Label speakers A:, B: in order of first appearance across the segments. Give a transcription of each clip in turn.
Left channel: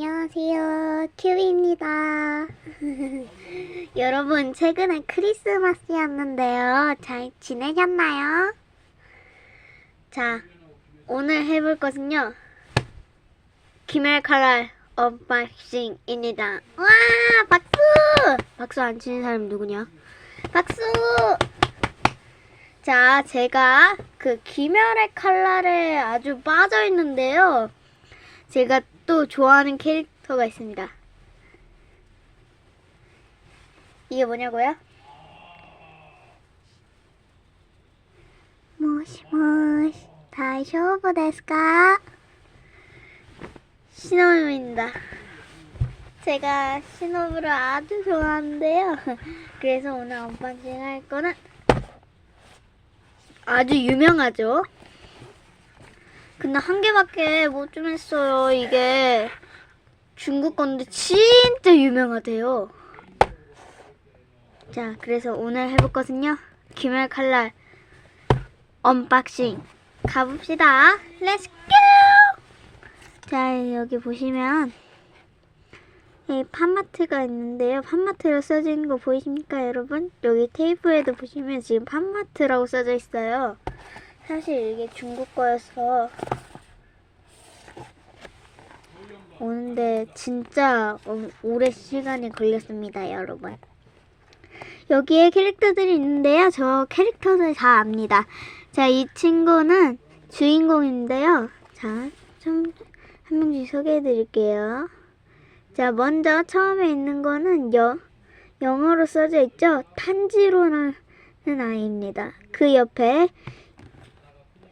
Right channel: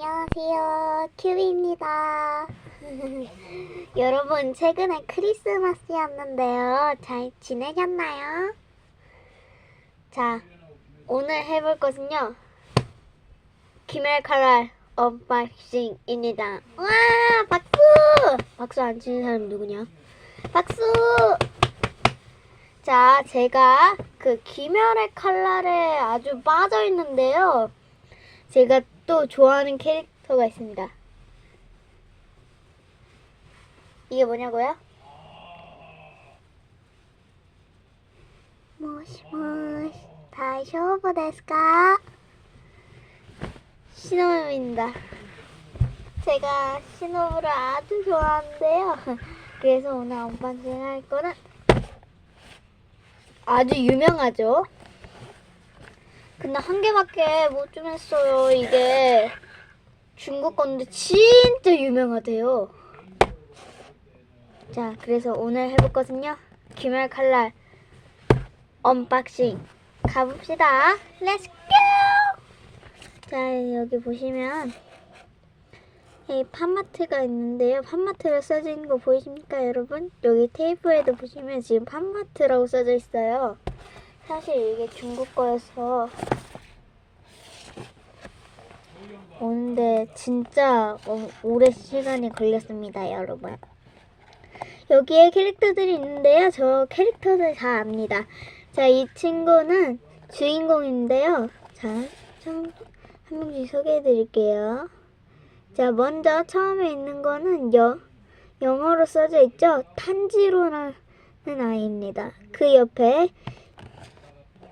A: 안녕하세요. 큐비입니다. 여러분, 최근에 크리스마스였는데요. 잘 지내셨나요? 자, 오늘 해볼 것은요. 김엘 칼날 언박싱입니다. 와, 박수! 박수 안 치는 사람 누구냐? 박수! 자, 제가 그 김열의 칼날에 아주 빠져 있는데요. 제가 또 좋아하는 캐릭터가 있습니다. 이게 뭐냐고요? 모시모시 다이쇼부 데스까? 시노부입니다. 제가 시노부를 아주 좋아하는데요. 그래서 오늘 언박싱 할 거는 아주 유명하죠. 근데 한 개밖에 못 좀 했어요. 이게 중국 건데 진짜 유명하대요. 자, 그래서 오늘 해볼 것은요. 김열 칼날 언박싱 가봅시다. 렛츠 고! 자, 여기 보시면 이 판마트가 있는데요. 판마트로 써져 있는 거 보이십니까, 여러분? 여기 테이프에도 보시면 지금 판마트라고 써져 있어요. 사실 이게 중국 거여서 오는데 진짜 어- 오래 시간이 걸렸습니다, 여러분. 여기에 캐릭터들이 있는데요. 저 캐릭터들 다 압니다. 자, 이 친구는 주인공인데요. 자, 좀한 명씩 소개해 드릴게요. 자, 먼저 처음에 있는 거는 여, 영어로 써져 있죠. 탄지로라는 아이입니다. 그 옆에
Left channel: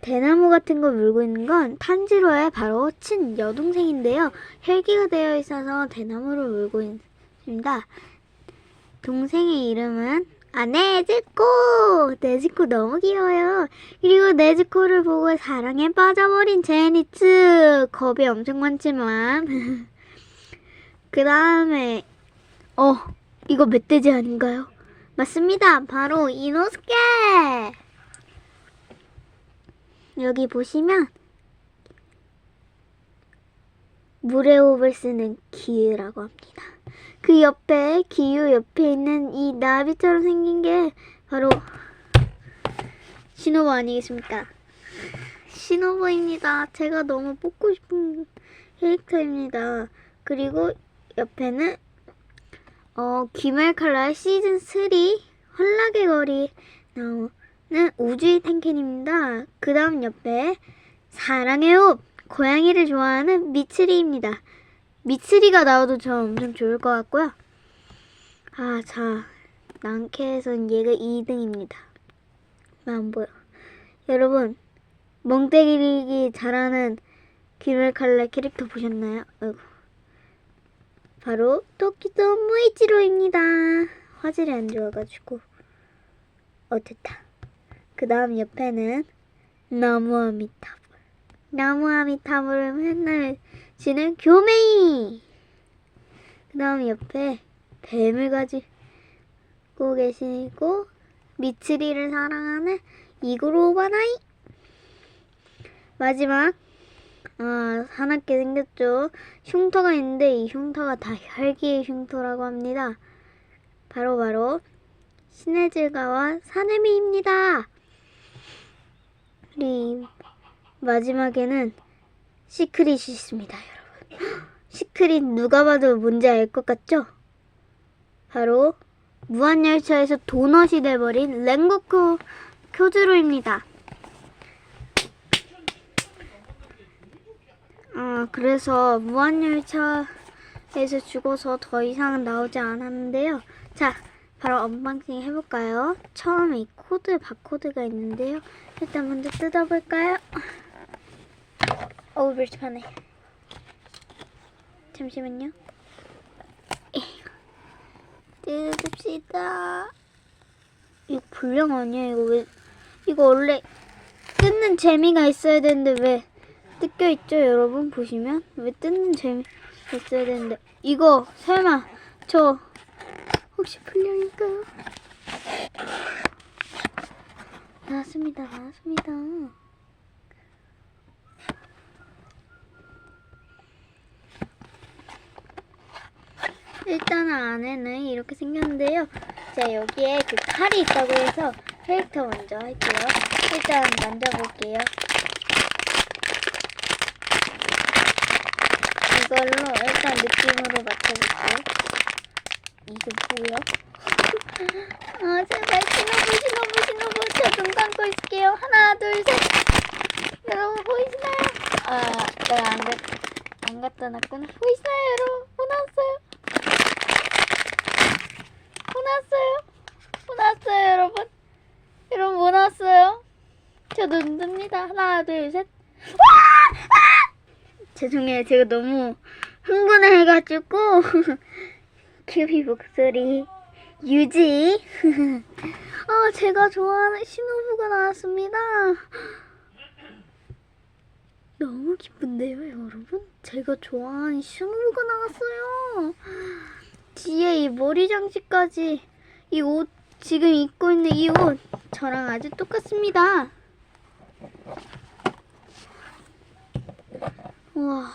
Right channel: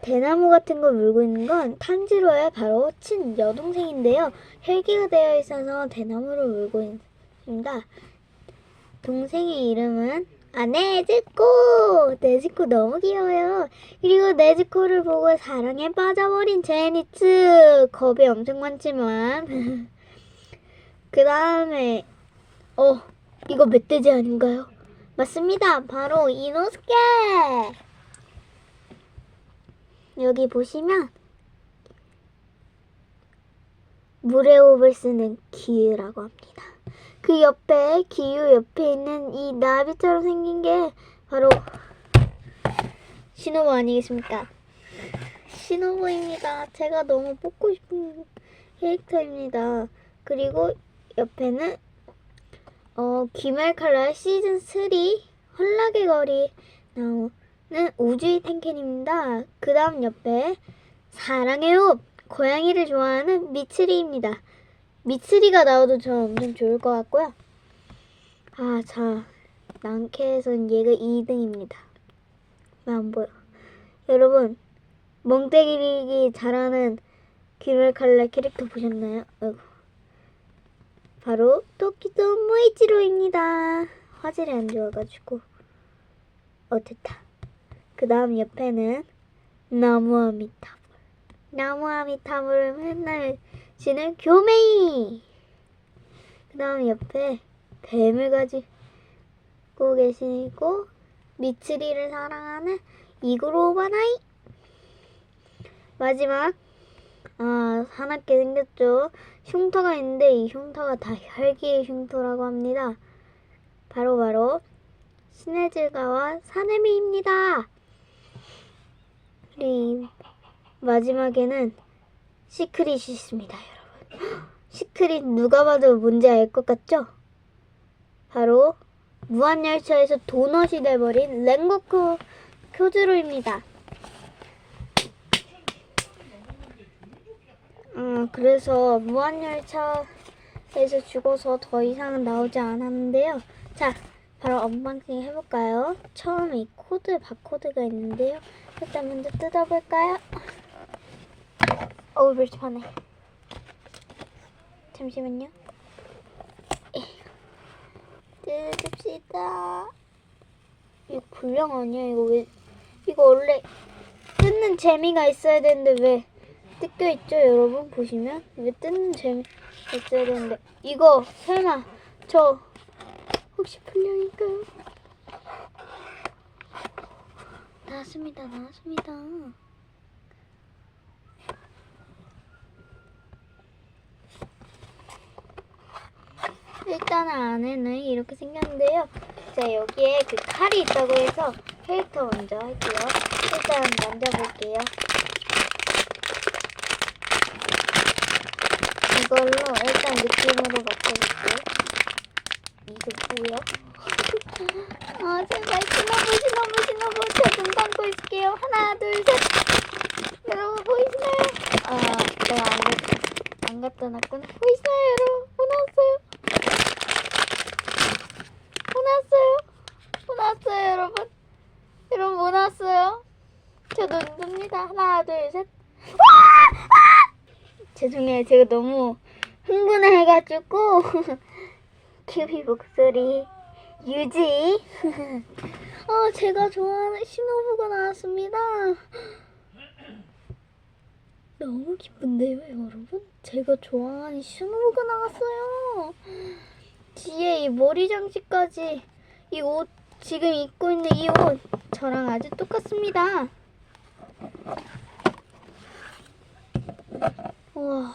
A: 대나무 같은 거 물고 있는 건 탄지로의 바로 친 여동생인데요. 혈기가 되어 있어서 대나무를 물고 있습니다. 동생의 이름은 아 네즈코 네즈코 너무 귀여워요. 그리고 네즈코를 보고 사랑에 빠져버린 제니츠 겁이 엄청 많지만 그 다음에 어 이거 멧돼지 아닌가요? 맞습니다. 바로 이노스케. 여기 보시면 물의 호흡을 쓰는 기유라고 합니다. 그 옆에 기유 옆에 있는 이 나비처럼 생긴 게 바로 신호부 아니겠습니까? 신호부입니다. 제가 너무 뽑고 싶은 캐릭터입니다. 그리고 옆에는 어, 귀말 칼라의 시즌 3 헐락의 거리 나오 는 우주의 탱켄입니다. 그 다음 옆에 호흡 고양이를 좋아하는 미츠리입니다. 미츠리가 나와도 저 엄청 좋을 것 같고요. 아, 자, 랑캐에선 얘가 2등입니다. 안 보여. 여러분, 멍때리기 잘하는 귀말 칼라 캐릭터 보셨나요? 아이고. 바로 토끼도 모이지로입니다. 화질이 안 좋아가지고 어 됐다. 그 다음 옆에는 나무 아미타불 나무 아미타불을 맨날 지는 교메이 그 다음 옆에 뱀을 가지고 계시고 미츠리를 사랑하는 이그로바나이 마지막 아, 사납게 생겼죠. 흉터가 있는데 이 흉터가 다 혈기의 흉터라고 합니다. 바로 바로 시네즈가와 사네미입니다. 그리고 마지막에는 시크릿이 있습니다, 여러분. 시크릿 누가 봐도 뭔지 알 것 같죠? 바로 무한열차에서 도넛이 돼버린 랭고쿠 쿄즈로입니다. 음, 그래서 무한열차에서 죽어서 더 이상은 나오지 않았는데요. 자, 바로 언박싱 해볼까요? 처음에 이 코드, 바코드가 있는데요. 일단 먼저 뜯어볼까요? 어우, 불편해. 잠시만요. 뜯읍시다. 이거 불량 아니야? 이거 왜, 이거 원래 뜯는 재미가 있어야 되는데 왜 뜯겨 있죠, 여러분? 보시면 왜 뜯는 재미 있어야 되는데 이거 설마 저 혹시 불량일까요? 나왔습니다, 나왔습니다. 일단 안에는 이렇게 생겼는데요. 자, 여기에 그 칼이 있다고 해서 캐릭터 먼저 할게요. 일단 만져볼게요. 이걸로 일단 느낌으로 맞춰볼게요. 이게 뭐야? 아, 제발 신호부, 신호부, 신호부. 저눈 감고 있을게요. 하나, 둘, 셋. 여러분 보이시나요? 아, 내가 안 갔다. 안 갖다 놨구나. 보이시나요, 여러분? 왔어요. 못 왔어요, 여러분. 여러분 못 왔어요. 저눈 뜹니다. 하나, 둘, 셋. 와! 아! 죄송해요. 제가 너무 흥분해가지고 큐비 목소리 유지. 아, 제가 좋아하는 신호부가 나왔습니다. 너무 기쁜데요, 여러분? 제가 좋아하는 신호부가 나왔어요. 뒤에 이 머리 장식까지 이 옷 지금 입고 있는 이 옷 저랑 아주 똑같습니다. 와,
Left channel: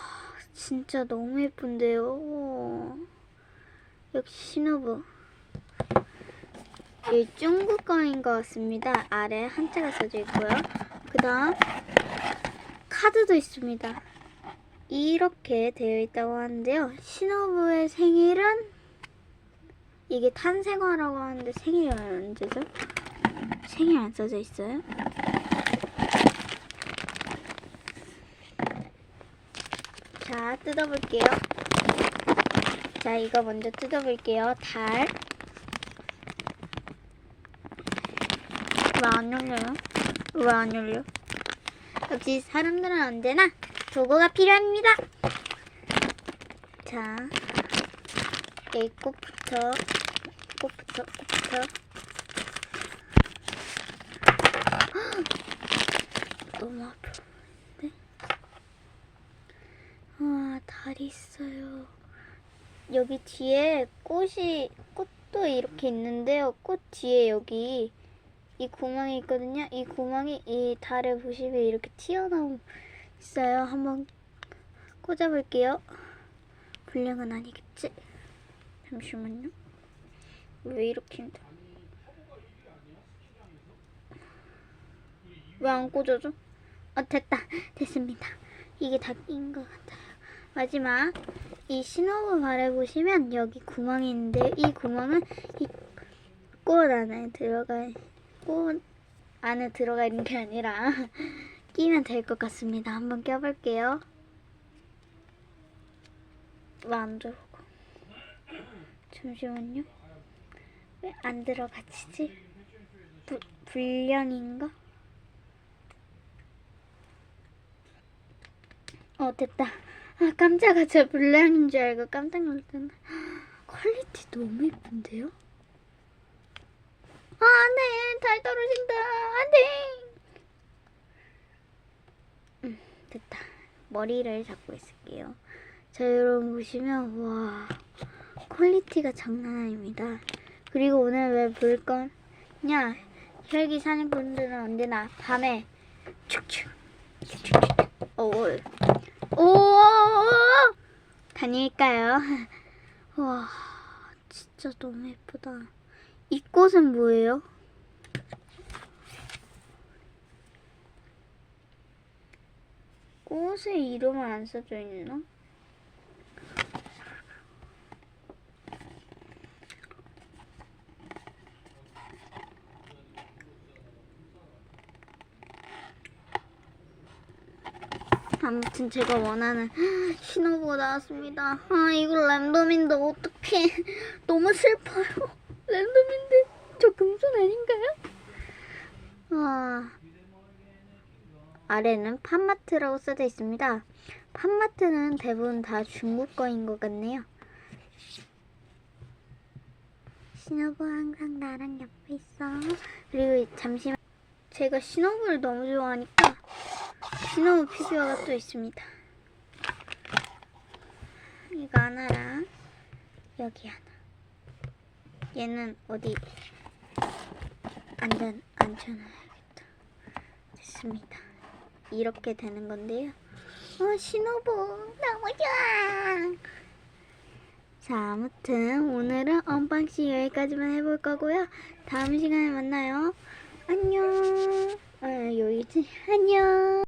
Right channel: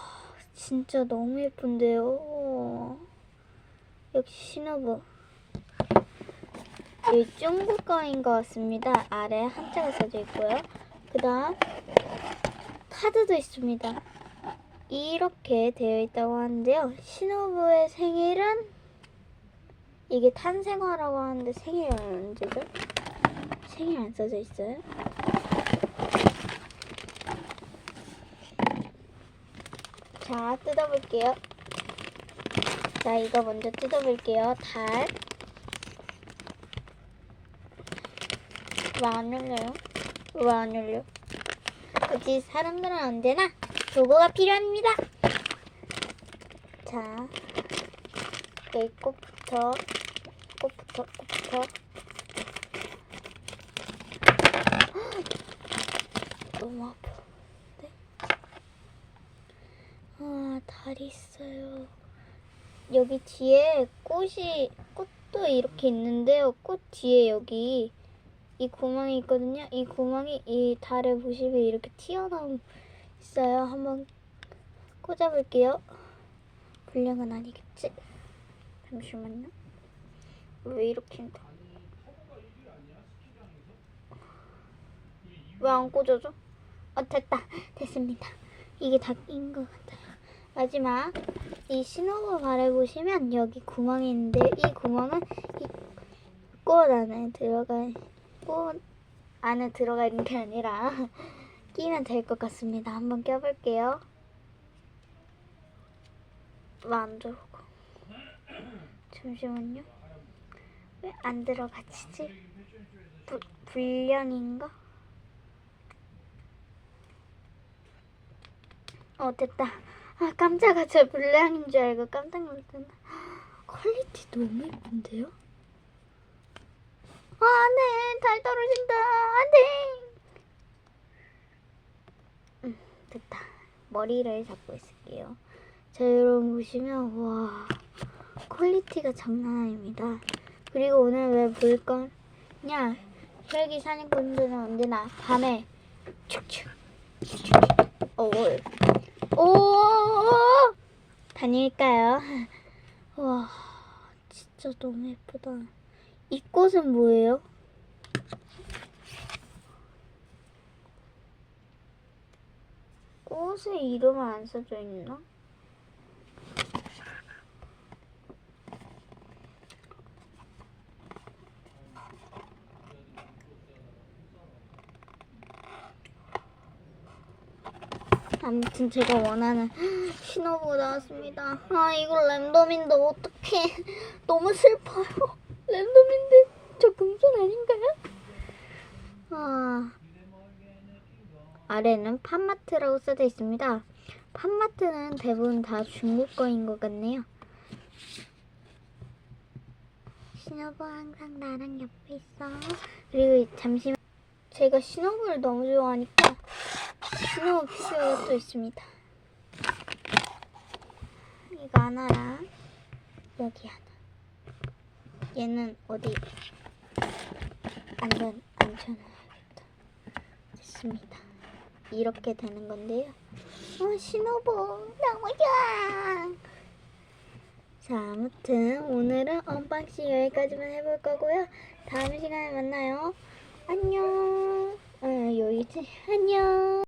A: 진짜 너무 예쁜데요. 역시 신호부. 이 중국 거인 것 같습니다. 아래 한자가 써져 있고요. 그 다음 카드도 있습니다. 이렇게 되어 있다고 하는데요. 신호부의 생일은 이게 탄생화라고 하는데 생일 언제죠? 생일 안 써져 있어요? 자, 뜯어볼게요. 자, 이거 먼저 뜯어볼게요. 달. 왜 안 열려요? 왜 안 열려? 역시 사람들은 언제나 도구가 필요합니다. 자, 이 꽃부터, 꽃부터, 꽃부터. 너무 아픈데? 와, 달이 있어요. 여기 뒤에 꽃이, 꽃도 이렇게 있는데요. 꽃 뒤에 여기 이 구멍이 있거든요. 이 구멍이 이 달에 보시면 이렇게 튀어나오 있어요. 한번 꽂아볼게요. 불량은 아니겠지? 잠시만요. 왜 이렇게 힘들어? 왜안 꽂아져? 아 됐다. 됐습니다. 이게 다낀것 같아요. 마지막 이 신호부 발에 보시면 여기 구멍이 있는데 이 구멍은 이꽃 안에 들어가 꽃 안에 들어가 있는 게 아니라 끼면 될 것 같습니다. 한번 껴볼게요. 왜안 들어가? 잠시만요. 왜 안 들어가지지? 부, 불량인가? 어 됐다. 아 깜짝아 저 불량인 줄 알고 깜짝 놀랐잖아. 퀄리티 너무 예쁜데요? 아, 네, 달 떨어진다. 안 돼. 음, 됐다. 머리를 잡고 있을게요. 자, 여러분 보시면, 와, 퀄리티가 장난 아닙니다. 그리고 오늘 왜 볼 거냐? 혈기 사는 분들은 언제나 밤에 축축, 축축, 오, 오, 다닐까요? 와, 진짜 너무 예쁘다. 이 꽃은 뭐예요? 꽃의 이름은 안 써져 있나? 아무튼 제가 원하는 신호부가 나왔습니다. 아 이거 랜덤인데 어떡해 너무 슬퍼요. 랜덤인데 저 금손 아닌가요? 아 아래는 팜마트라고 써져 있습니다. 팜마트는 대부분 다 중국 거인 것 같네요. 신호부 항상 나랑 옆에 있어. 그리고 잠시만 제가 신호부를 너무 좋아하니까 신호부 피규어가 또 있습니다. 이거 하나랑 여기 하나. 얘는 어디 안전 안전해야겠다. 됐습니다. 이렇게 되는 건데요. 어, 신호부 너무 좋아. 자, 아무튼 오늘은 언박싱 여기까지만 해볼 거고요. 다음 시간에 만나요. 안녕. 어, 여기지? 안녕.